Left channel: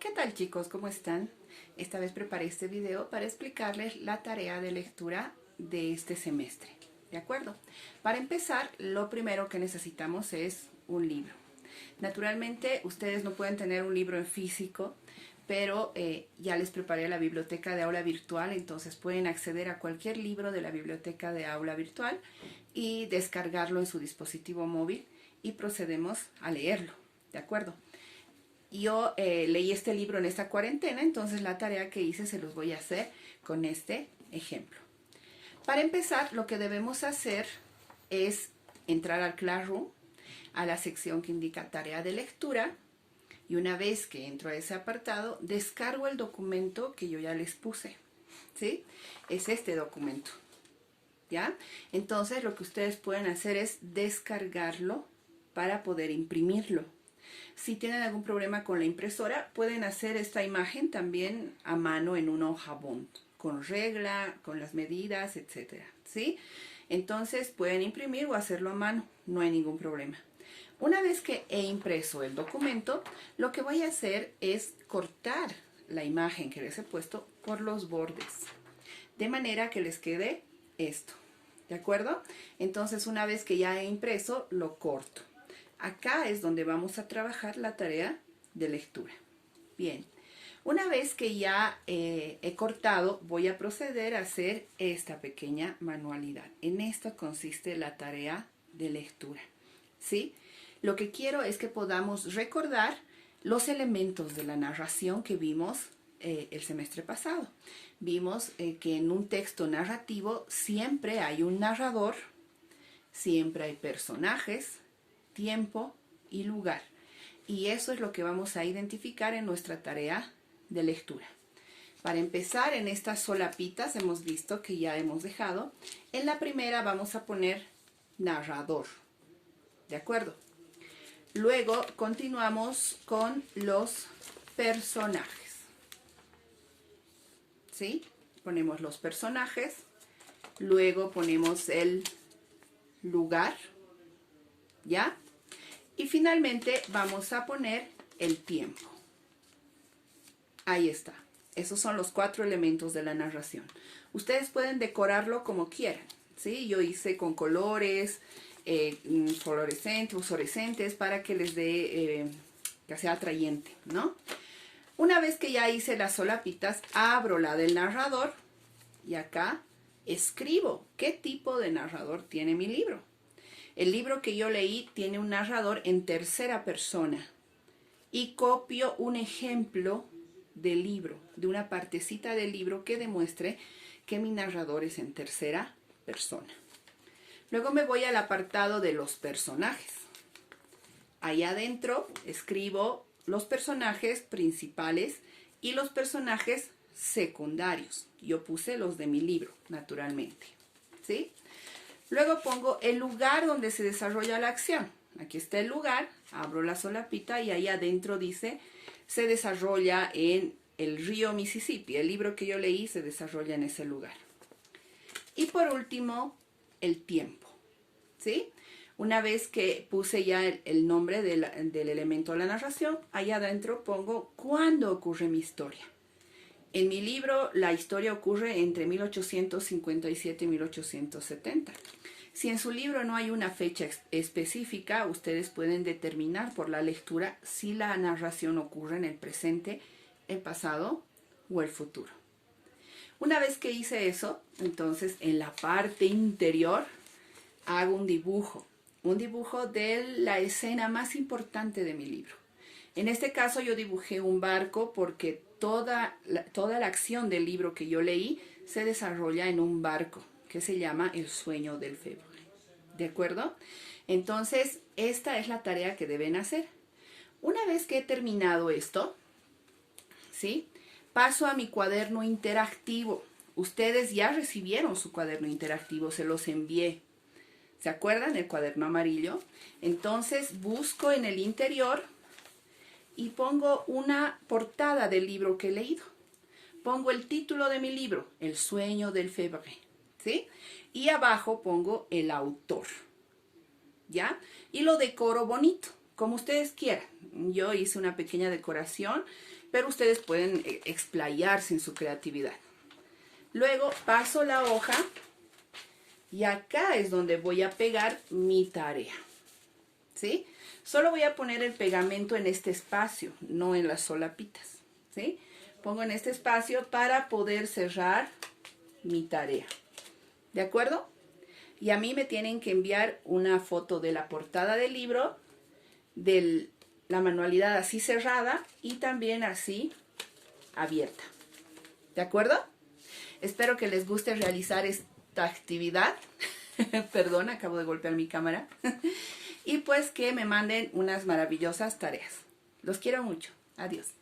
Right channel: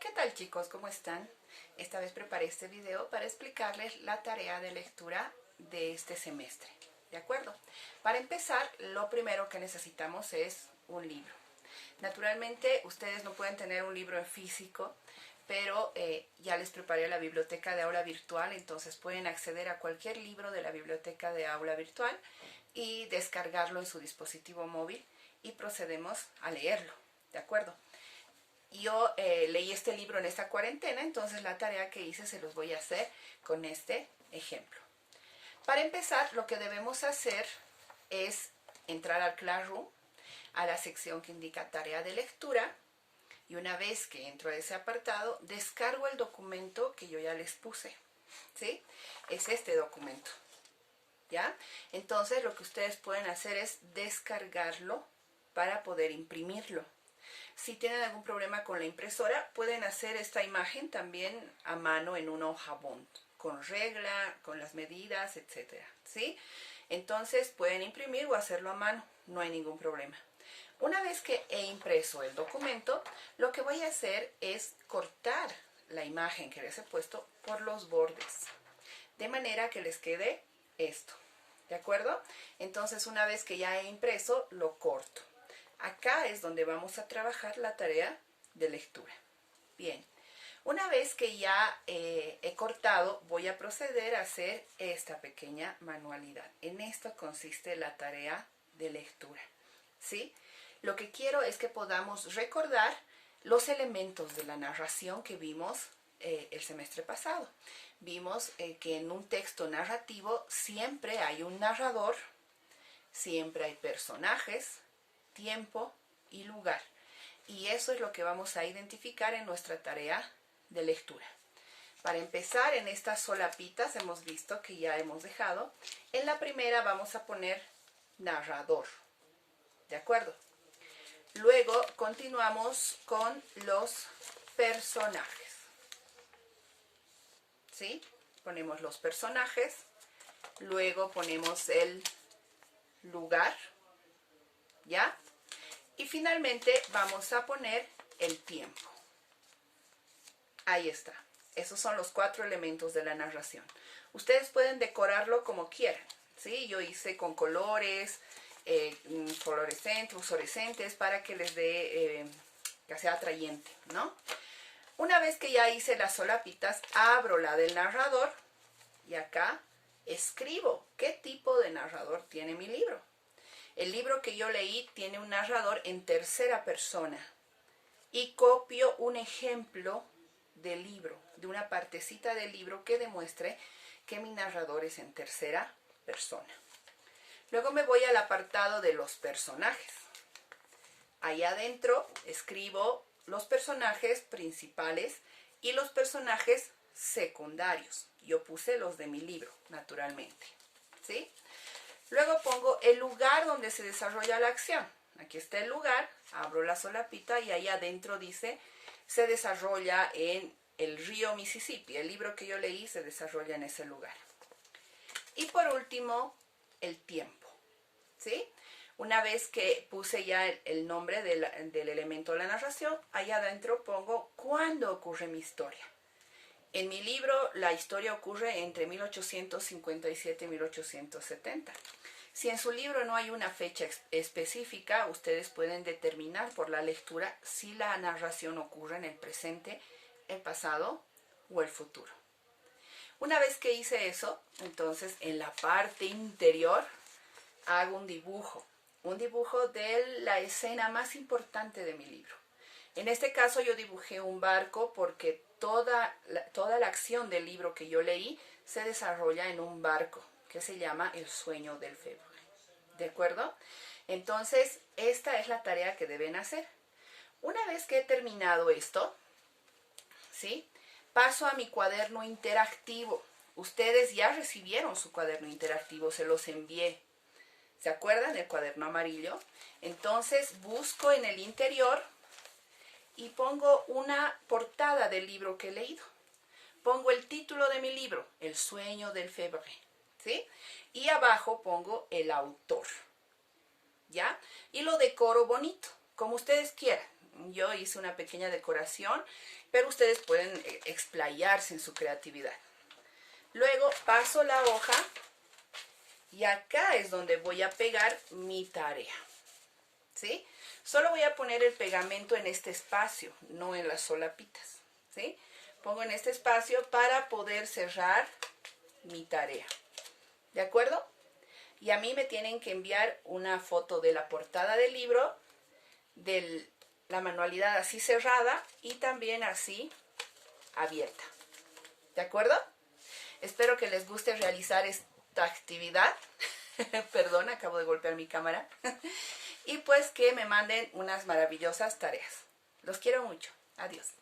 ¿Qué tal, chicos? ¿Cómo están? Esta vez preparé este video para explicarles la tarea de lectura de este semestre. ¿De acuerdo? Para empezar, lo primero que necesitamos es un libro. Naturalmente, ustedes no pueden tener un libro en físico, pero ya les preparé la biblioteca de aula virtual, entonces pueden acceder a cualquier libro de la biblioteca de aula virtual y descargarlo en su dispositivo móvil y procedemos a leerlo. ¿De acuerdo? Yo leí este libro en esta cuarentena, entonces la tarea que hice se los voy a hacer con este ejemplo. Para empezar, lo que debemos hacer es entrar al Classroom, a la sección que indica tarea de lectura, y una vez que entro a ese apartado, descargo el documento que yo ya les puse, ¿sí? Es este documento, ¿ya? Entonces lo que ustedes pueden hacer es descargarlo para poder imprimirlo. Si tienen algún problema con la impresora, pueden hacer esta imagen también a mano en una hoja bond, con regla, con las medidas, etcétera, ¿sí? Entonces pueden imprimir o hacerlo a mano, no hay ningún problema. Una vez que he impreso el documento, lo que voy a hacer es cortar la imagen que les he puesto por los bordes, de manera que les quede esto, ¿de acuerdo? Entonces, una vez que ya he impreso, lo corto. Acá es donde vamos a trabajar la tarea de lectura. Bien, una vez que ya he cortado, voy a proceder a hacer esta pequeña manualidad. En esto consiste la tarea de lectura, ¿sí? Lo que quiero es que podamos recordar los elementos de la narración que vimos el semestre pasado. Vimos que en un texto narrativo siempre hay un narrador, siempre hay personajes, tiempo y lugar. Y eso es lo que vamos a identificar en nuestra tarea de lectura. Para empezar, en estas solapitas hemos visto que ya hemos dejado. En la primera vamos a poner narrador. ¿De acuerdo? Luego continuamos con los personajes. ¿Sí? Ponemos los personajes. Luego ponemos el lugar. ¿Ya? Y finalmente vamos a poner el tiempo. Ahí está. Esos son los 4 elementos de la narración. Ustedes pueden decorarlo como quieran, ¿sí? Yo hice con colores, fluorescentes, para que les dé, que sea atrayente, ¿no? Una vez que ya hice las solapitas, abro la del narrador y acá escribo qué tipo de narrador tiene mi libro. El libro que yo leí tiene un narrador en tercera persona y copio un ejemplo del libro, de una partecita del libro que demuestre que mi narrador es en tercera persona. Luego me voy al apartado de los personajes. Ahí adentro escribo los personajes principales y los personajes secundarios. Yo puse los de mi libro, naturalmente, ¿sí? Luego pongo el lugar donde se desarrolla la acción. Aquí está el lugar, abro la solapita y ahí adentro dice, se desarrolla en el río Mississippi. El libro que yo leí se desarrolla en ese lugar. Y por último, el tiempo, ¿sí? Una vez que puse ya el nombre del elemento de la narración, ahí adentro pongo cuándo ocurre mi historia. En mi libro, la historia ocurre entre 1857 y 1870. Si en su libro no hay una fecha específica, ustedes pueden determinar por la lectura si la narración ocurre en el presente, el pasado o el futuro. Una vez que hice eso, entonces en la parte interior hago un dibujo de la escena más importante de mi libro. En este caso yo dibujé un barco porque toda la acción del libro que yo leí se desarrolla en un barco que se llama El sueño del Fèvre. ¿De acuerdo? Entonces, esta es la tarea que deben hacer. Una vez que he terminado esto, ¿sí? Paso a mi cuaderno interactivo. Ustedes ya recibieron su cuaderno interactivo, se los envié. ¿Se acuerdan? El cuaderno amarillo. Entonces, busco en el interior y pongo una portada del libro que he leído. Pongo el título de mi libro, El sueño del Fèvre, ¿sí? Y abajo pongo el autor, ¿ya? Y lo decoro bonito. como ustedes quieran. Yo hice una pequeña decoración, pero ustedes pueden explayarse en su creatividad. Luego paso la hoja y acá es donde voy a pegar mi tarea, ¿sí? Solo voy a poner el pegamento en este espacio, no en las solapitas, ¿sí? Pongo en este espacio para poder cerrar mi tarea, ¿de acuerdo? Y a mí me tienen que enviar una foto de la portada del libro, de la manualidad así cerrada y también así abierta, ¿de acuerdo? Espero que les guste realizar esta actividad. Perdón, acabo de golpear mi cámara. Y pues que me manden unas maravillosas tareas. Los quiero mucho. Adiós.